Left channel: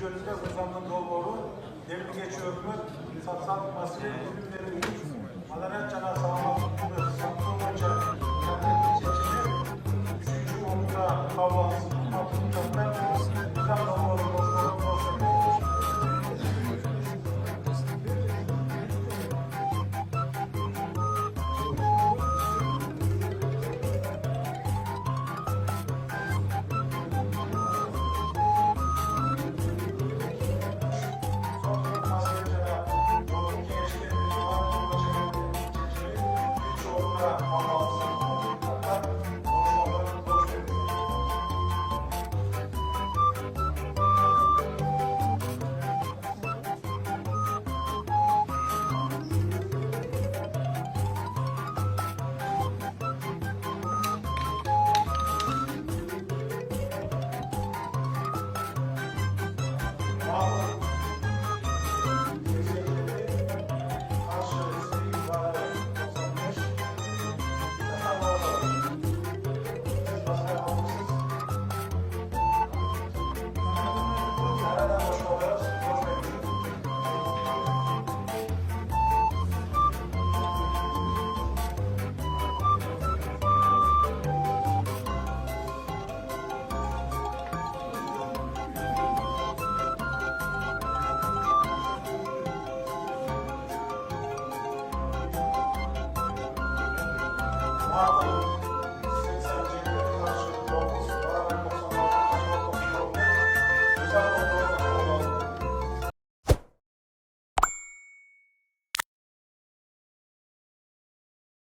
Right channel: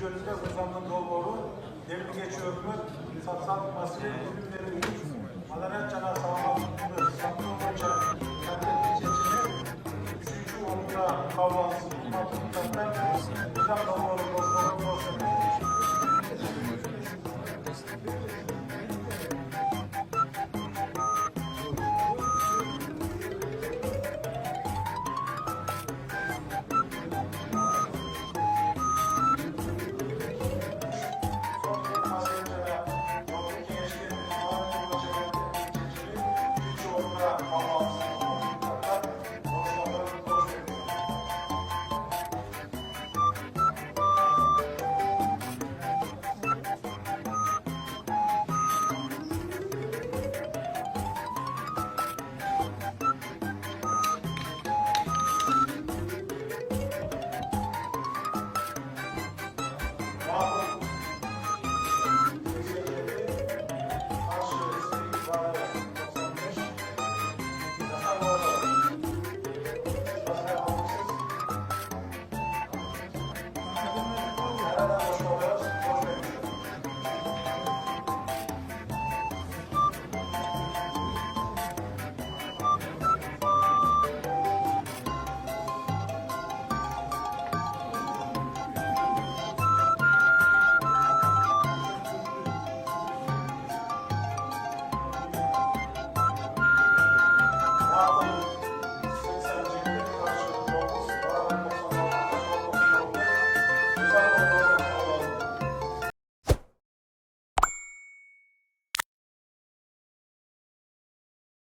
Türkçe'de uzanın doğru devri geçiyorum. Satsan masaya ürünleri Madanet Cana Sağlamlığı Saklı Hoca Kentli Seçimi 3. Okula Kahvaltısı Altınlık'tan Uzan Doğru Dostlarım Dostlarım. Wow.